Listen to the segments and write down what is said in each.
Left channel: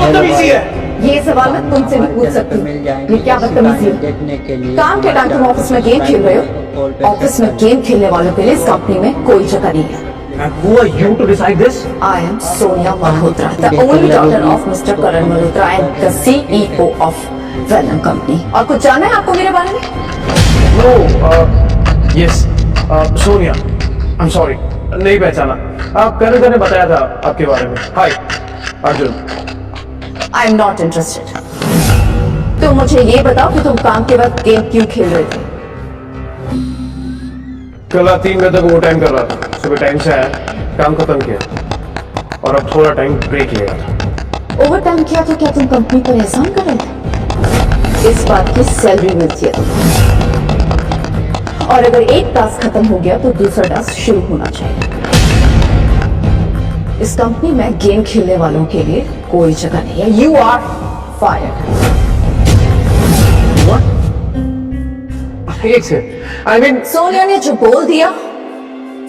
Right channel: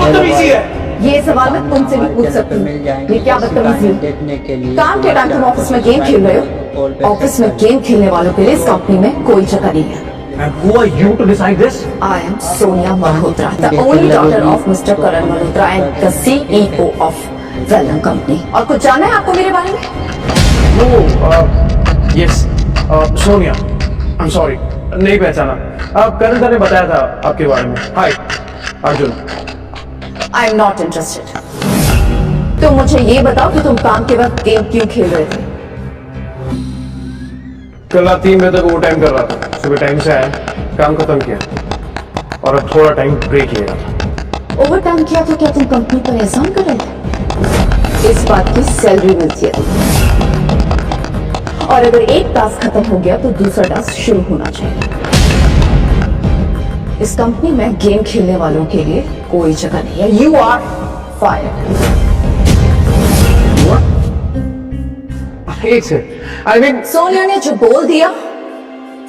बदतमीजी है? ये सवाल मैं तुमसे भी पूछ सकती हूँ, ये क्या बदतमीजी है? काम के टाइम तुम ऑफिस में गेम खेल रहे हो। ऑफिस में गेम खेलने वालों के लिए इस कंपनी में कोई जगह नहीं है। And who are you to decide this? I am Sonia Malhotra, the only daughter of Mr. Karan Malhotra and the CEO of Vellum Company. और कुछ जानना है आपको मेरे बारे में? No, yes, Sonia. I'm sorry, नहीं पहचाना। आप करण सर ने बताया था आपके बारे में। Hi, Arjun. I am not interested. तुम मुझे ये बताओ कि तुम काम के वक्त गेम क्यों खेल रहे थे? कल रात 3 बजे तक ओवर टाइम कर रहा था। सुबह टाइम से आया, काम खत्म किया और अब थोड़ा टाइम ब्रेक ले रहा था। ओवर टाइम किया तो क्या तुम कंपनी पर एहसान कर रहे थे? इस बात की सैलरी मिलती है और अगर एक टास्क खत्म हो गया तो दूसरा टास्क शुरू होना चाहिए। इस कंपनी में गेम खेलने वालों के लिए कोई जगह नहीं है। You are fired. एक से I mean, सोनिया ने जो बोल दिया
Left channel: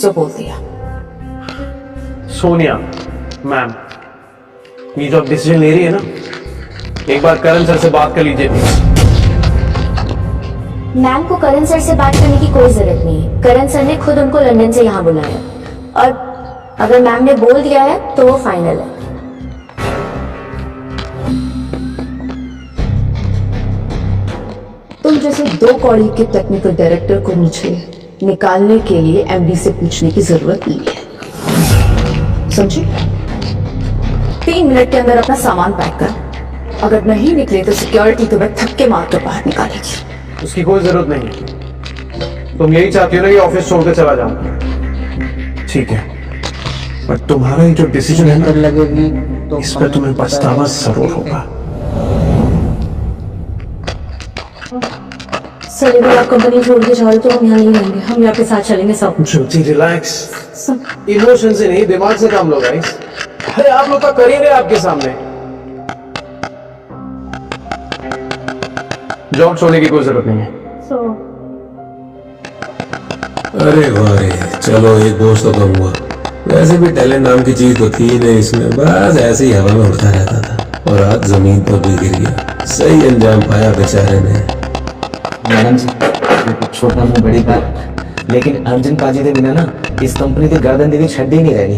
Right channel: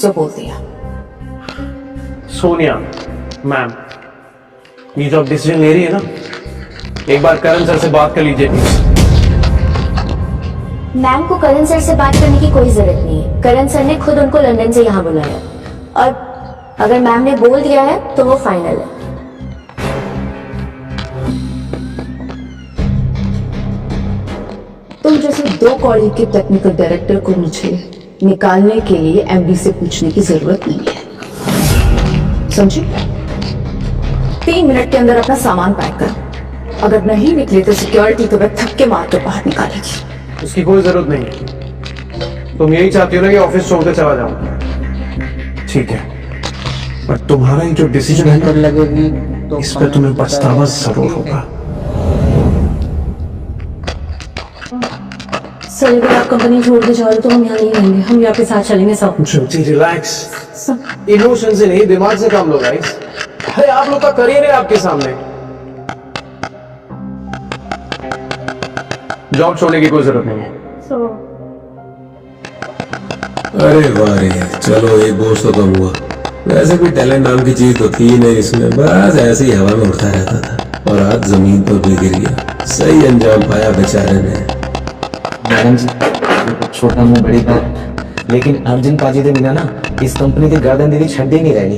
सो बोल दिया। सोनिया मैम, ये जो डिसीजन ले रही है ना, एक बार करण सर से बात कर लीजिए प्लीज। मैम को करण सर से बात करने की कोई जरूरत नहीं है। करण सर ने खुद उनको लंदन से यहाँ बुलाया और अगर मैम ने बोल दिया है तो वो फाइनल है। तुम जैसे 2 कौड़ी के टेक्निकल डायरेक्टर को मुझे निकालने के लिए एमडी से पूछने की जरूरत नहीं है, समझी? 3 मिनट के अंदर अपना सामान पैक कर। अगर नहीं निकले तो सिक्योरिटी तो वह थक्के मार कर बाहर निकालेगी। उसकी कोई जरूरत नहीं है। तुम यही चाहती हो ना कि ऑफिस छोड़कर चला जाऊं? ठीक है, पर तुम्हारा ये जो डिसीजन है ना, लगेगी तो इस पर तुम्हें पछतावा जरूर होगा। सर अगर आप कंपनी छोड़ के जाओ तो हम यहाँ नहीं रहेंगे, हम यहाँ पे साथ चलेंगे सब। ज्योति रिलैक्स, इमोशन से नहीं दिमाग से काम लो गाइस। अरे आप लोग का करियर है आपके सामने, जॉब छोड़ने की कोई जरूरत नहीं है। अरे वाह रे, चलो एक बोझ तो कम हुआ। वैसे भी टैलेंट नाम की चीज तो थी नहीं इसमें, बस ऐसे ही हवा में उड़ता रहता था और आज जमीन पर भी गिर गया। सही अंजाम पाया बेचारे ने। मैडम जी, छोटा मुंह बड़ी बात, लेकिन अर्जुन पाजी दे बिना ना इस कंपनी की गर्दन दी छड्डी नहीं रहनी।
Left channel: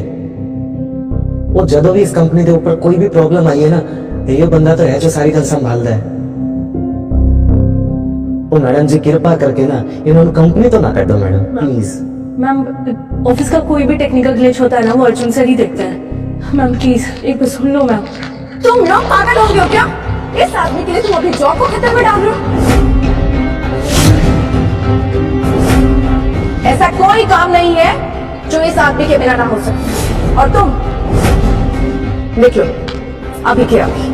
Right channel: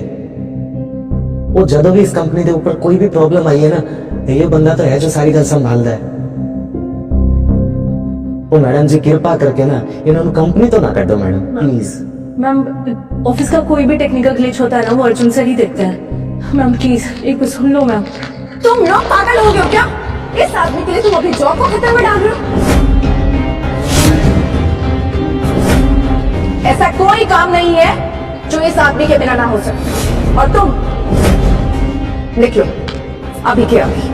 वो जदों भी इस कंपनी के ऊपर कोई भी प्रॉब्लम आई है ना, ये बंदा तो है जो सारी गल संभालता है। वो मैडम जी कृपा करके ना इन्होंने कंपनी तो ना कर दो मैडम, प्लीज। मैम ऑफिस का कोई भी टेक्निकल ग्लिच होता है ना वो अर्जुन सर ही देखते हैं। मैम प्लीज एक बार सुन लो मैम। तुम लोग पागल हो गए हो क्या? इस आदमी के लिए तुम अभी जॉब को खतरे में डाल रहे हो? ऐसा कोई काम नहीं है जो इस आदमी के बिना ना हो सके। और तुम लिख लो अभी के अभी।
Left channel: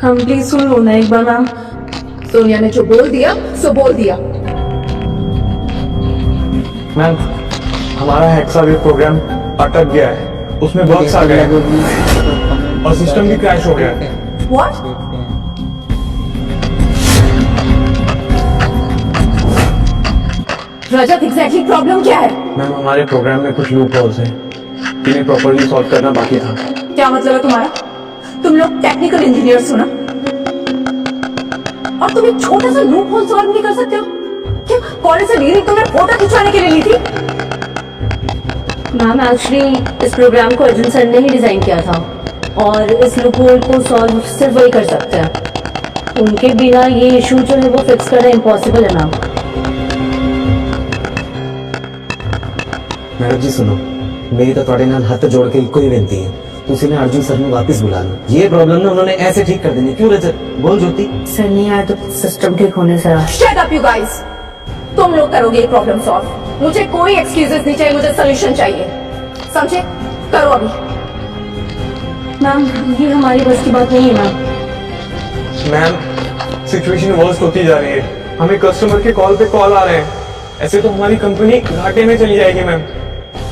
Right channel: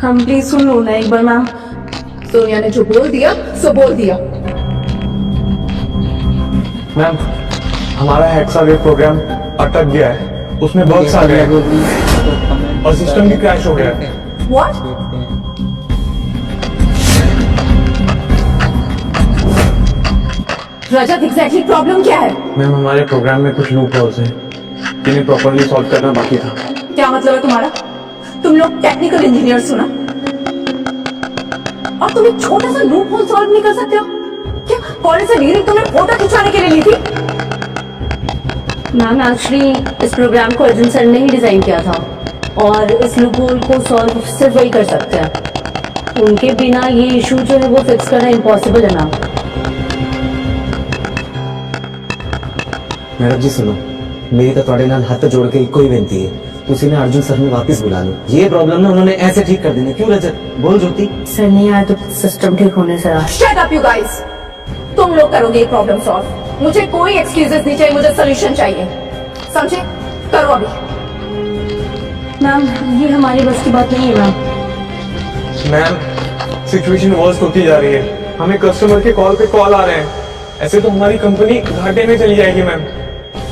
हम प्लीज सुन लो ना एक बार मैम। सोनिया ने जो बोल दिया सो बोल दिया। मैम, हमारा हेक्सावेव प्रोग्राम अटक गया है, उसमें बग्स आ गए और सिस्टम भी क्रैश हो गया है। What? रजत, एग्जैक्टली प्रॉब्लम क्या है? मैम, हमारे प्रोग्राम में कुछ लूप होल्स हैं, जिन्हें प्रॉपर्ली सॉल्व करना बाकी था। क्या मतलब है तुम्हारा? तुम लोग टेक्निकल इंजीनियर्स हो ना, और तुम एक छोटा सा लूप होल सॉल्व नहीं कर सकते हो क्या? कॉलेज से डिग्री तुमने फोटो खिंचवाने के लिए ली थी? मैम एक्चुअली इस प्रोग्राम को अर्जुन सर ने ही डिजाइन किया था और इस लूप होल को सॉल्व सिर्फ वही कर सकते हैं। उनके बिना ये इशू जो है वो फिक्स करना इम्पॉसिबल है मैम। मैडम जी सुनो, मेरी तो ਤੁਹਾਡੇ ਨਾਲ ਹੱਥ ਜੋੜ ਕੇ ਇੱਕੋ ਹੀ ਬੇਨਤੀ ਹੈ, ਤੁਸੀਂ ਨਾ अर्जुन सर ਨੂੰ वापस बुला लो। ये प्रॉब्लम ना उन्होंने ऐसे ठीक कर देनी। क्यों रजत? बोल ज्योति। सर नहीं आया तो सिस्टम ठीक होने से Shut up you guys! तुम लोग करोगे ये प्रॉब्लम सॉल्व। मुझे कोई एक्सक्यूजेस नहीं चाहिए, मुझे सोल्यूशन चाहिए, समझे? करो अभी। मैम ये हमारी बस की बात नहीं है मैम। मैम, सिचुएशन वर्स्ट होती जा रही है, हमें कस्टमर के कॉल पे कॉल आ रहे हैं। ऐसे तो हमारी कंपनी घाटे में चली जाएगी मैम,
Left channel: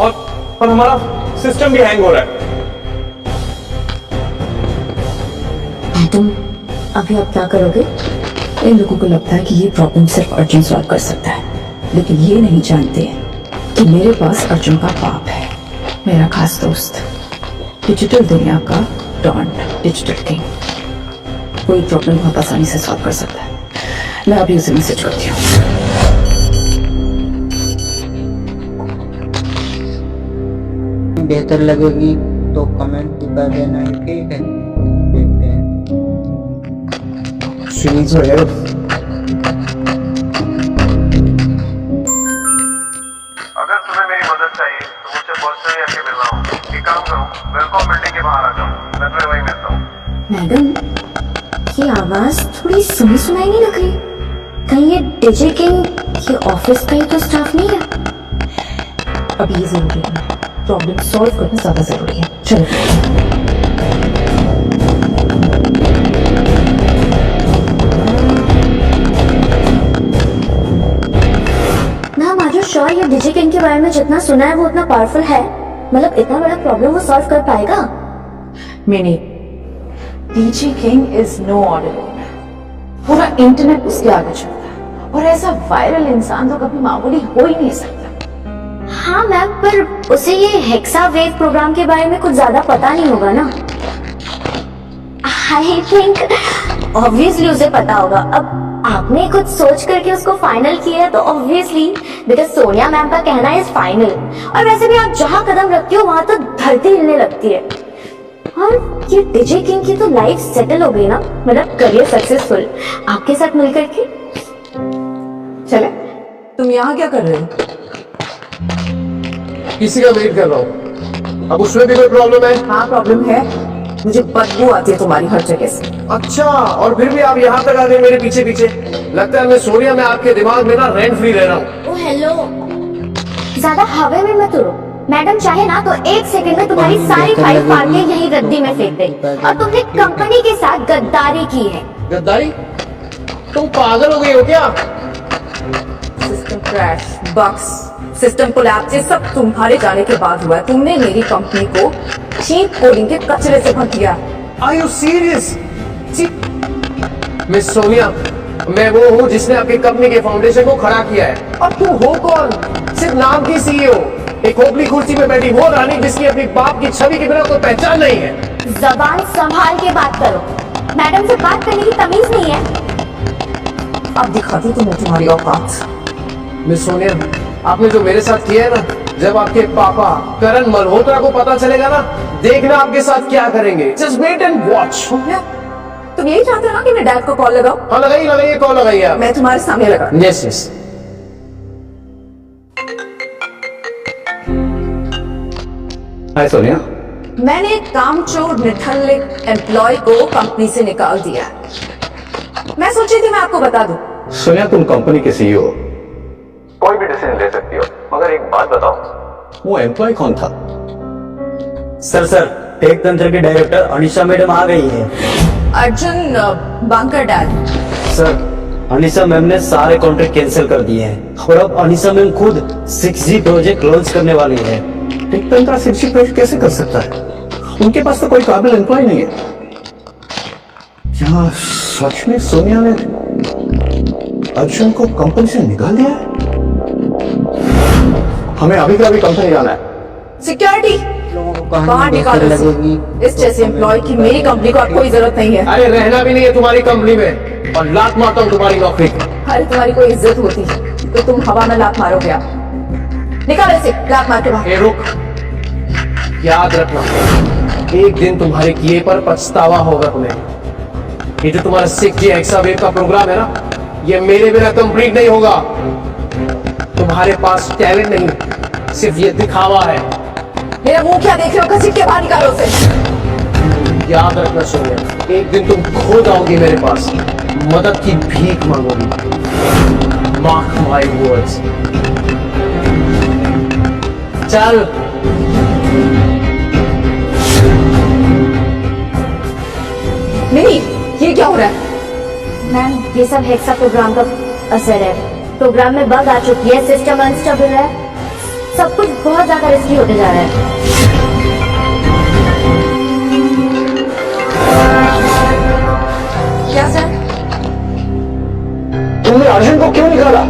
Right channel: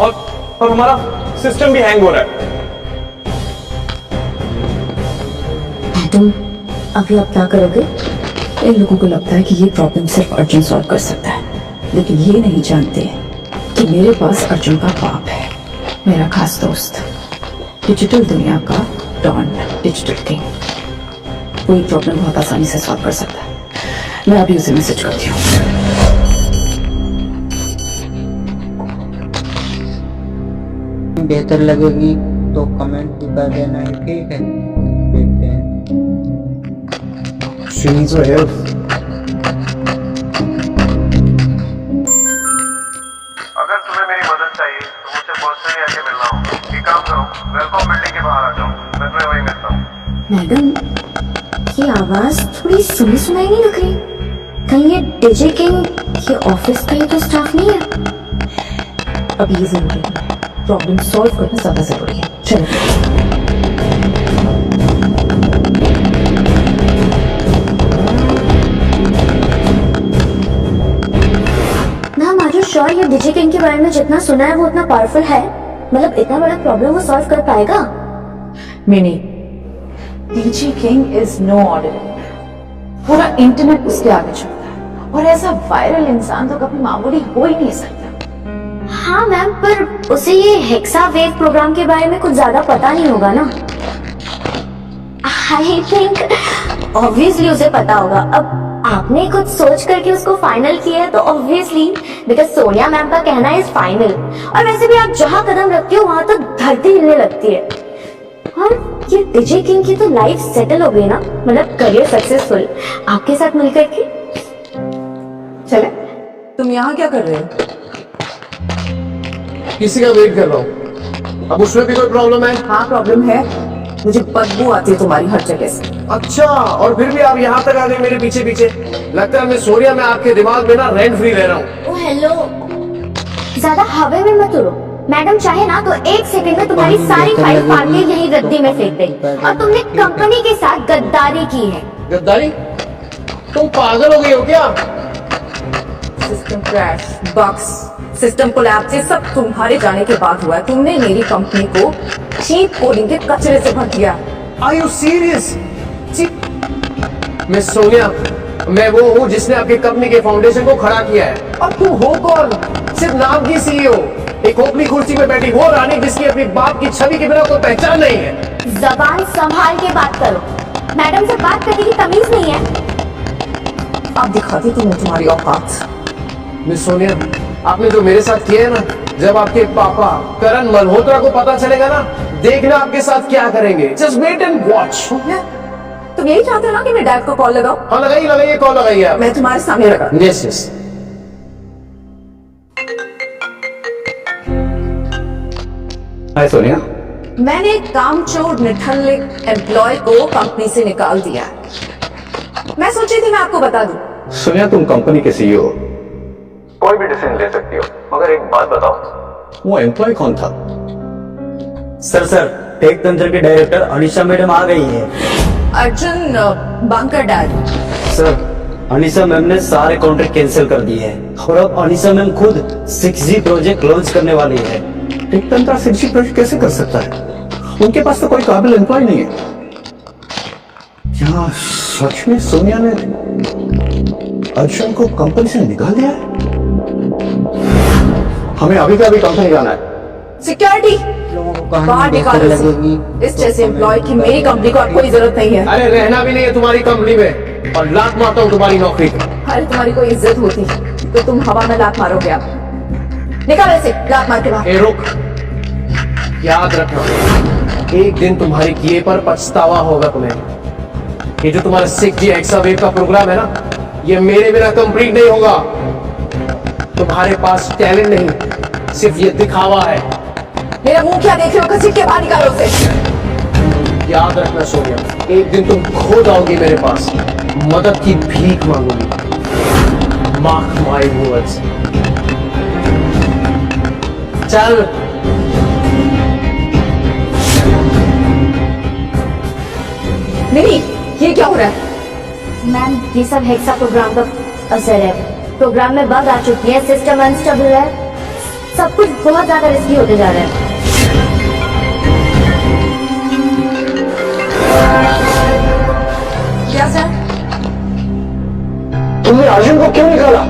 और हमारा सिस्टम भी हैंग हो रहा है। मैडम अभी आप क्या करोगे? इन लोगों को लगता है कि ये प्रॉब्लम सिर्फ अर्जुन सॉल्व कर सकता है, लेकिन ये नहीं जानते कि मेरे पास अर्जुन का बाप है, मेरा खास दोस्त, डिजिटल दुनिया का डॉन, डिजिटल किंग। कोई प्रॉब्लम बहुत आसानी से सॉल्व कर सकता है। मैं अभी उसे मैसेज करती हूँ। बेहतर लगेगी तो कमेंट भी कर देना, ठीक है? देखते हैं। She needs her help. अगर तुम्हें मेरी मदद चाहिए तो मुझसे पर्सनली आके मिलना हो। एक काम करो, वेलकम बिल्डिंग के बाहर आ जाओ, मैं तुम्हें वहीं मिलता हूँ। मैडम, ये आवाज थोड़ी सुनी सुनाई नहीं लग रही? कहीं ये डीजे किंग ये ऑफिस का ही तो स्टाफ नहीं है? अभी ये जरूरी है, प्रॉब्लम सॉल्व करना ज्यादा जरूरी है। चलो मैम, आर यू श्योर ये डीजे किंग के बारे में जितना सुना है वो उतना पावरफुल है? मतलब इतना बड़ा प्रॉब्लम वो सॉल्व कर पाएगा? Mini, DJ king is no ordinary. पूरा इंटरनेट उसके आगे चलता है, और ऐसा वायरल इंसान तो कभी मामूली हो ही नहीं सकता। हाँ मैम, पर उसे ये हेक्सा वेव प्रोग्राम के बारे में कुछ ज्यादा पता नहीं होगा ना? आई थिंक ऑब्वियसली उसे पता होगा। अब आपने कुछ सोच करके उसको फाइनल किया है तो ऑब्वियसली, बिकॉज सोनिया मैम का कहना इज फाइनल। और वैसे भी आप जहां कदम रखती हो वहां तो धरती हिलने लगती है। और ये डीजे किंग की तो लाइफ सेटल हो गई ना, मतलब करियर सक्सेसफुल आपके साथ मिलकर के। चले, तुम यहाँ क्या कर रहे हो? किसी का वेट कर रहा हूँ। अब उसमें भी कोई प्रॉब्लम है? हाँ प्रॉब्लम है, मुझे बदबू आती है तुम्हारी हर जगह से। अच्छा, और फिर भी आप यहाँ तक आ गए मेरे पीछे पीछे। लगता है मैं सोनिया, मैं आपके दिमाग में ना रेंट फ्री रह रहा हूँ। ओ हेलो, ज्यादा हवा में मत उड़ो। मैडम चाहे ना तो एक सेकंड में तुम्हारी सारी फाइल फाड़ के यहीं रद्दी में फेंक दे। और तुमने कंपनी के साथ गद्दारी की है। गद्दारी? तुम पागल हो गई हो क्या? System crash, bugs, system collapse, ये सब तुम्हारे जाने के बाद हुआ है। तुमने मेरी कंपनी को चीप कोडिंग के कचरे से भर दिया। Are you serious? Miss Sonia, मैं वो हूँ जिसने आपकी कंपनी के फाउंडेशन को खड़ा किया है। और तुम हो कौन? सिर्फ नाम की सीईओ, एक खोखली कुर्सी पे बैठी वो रानी जिसकी अपनी बाप की छवि के बिना कोई पहचान नहीं है। जबान संभाल के बात करो, मैडम से बात करने की तमीज नहीं है। अब दिखाती तुम्हें तुम्हारी औकात। मिस सोनिया, आपने जो मेरे साथ किया है ना, जब आपके पापा करण मल्होत्रा को पता चलेगा ना, देखना आपके साथ क्या करेंगे। Just wait and watch. तुम यही चाहते हो ना कि मैं डैड को कॉल लगाऊं? हाँ लगाइए कॉल लगाइए आप। मैं तुम्हारे सामने लगा। Yes yes. हाय सोनिया। मैंने एक कामचोर निठल्ले एम्प्लॉय को कंपनी से निकाल दिया है। मैं सोची थी मैं आपको बता दूं। सोनिया, तुम कंपनी के सीईओ हो, कोई भी डिसीजन ले सकती हो, मगर एक बात बताओ, वो एम्प्लॉय कौन था? सर टेक तंत्र के डायरेक्टर अनिशा मैडम आ गई है। Arjun Bankar dad. Sir, Anisha ma'am ने सारे कॉन्ट्रैक्ट कैंसिल कर दिए हैं और अब अनिशा मैम खुद 6G प्रोजेक्ट लॉन्च करने वाली है। टेक तंत्र 6G प्रोजेक्ट कैसे कर सकता है? उनके पास तो कोई काबिल एम्प्लॉय नहीं है। क्या सच में सोनिया ने अर्जुन को कंपनी से निकाल दिया है? हमें अभी का अभी कंपनी जाना है। सिक्योरिटी, लोगों को बाहर कहानी निकालो बेहतर इसे। लगेगी इस जैसे एम्प्लॉय की मेरी कंपनी को अब कोई जरूरत नहीं है। अरे रहना भी नहीं है तुम्हारी कंपनी में, और लात मारता हूँ तुम्हारी नौकरी पर। अरे तुम्हारी कोई इज्जत होती तो तुम हवा में लात मारोगे। आप निकालो इसे, लात मार के बाहर। ए रुक, याद रखना, एक दिन तुम्हारे किए पर पछतावा होगा तुम्हें। ये जो तुम्हारा 6G हेक्सा वेव का प्रोग्राम है ना, ये मेरे बिना कंप्लीट नहीं होगा। तुम्हारे पास टैलेंट नहीं, सिर्फ ये दिखावा है। मेरा मुंह क्या देख रहे हो? घसीट के बाहर निकालो उसे। याद रखना सोनिया, एक दिन तुम खुद आओगी मेरे पास, मदद की भीख मांगोगी। Mark my words. चल। नहीं, ये क्या हो रहा है? मैम, ये सब हेक्सा प्रोग्राम का असर है। प्रोग्राम में बग आ चुकी है, सिस्टम अनस्टेबल है, सब कुछ बहुत ज्यादा रिस्की होते जा रहा है। अर्जुन को क्यों निकाला?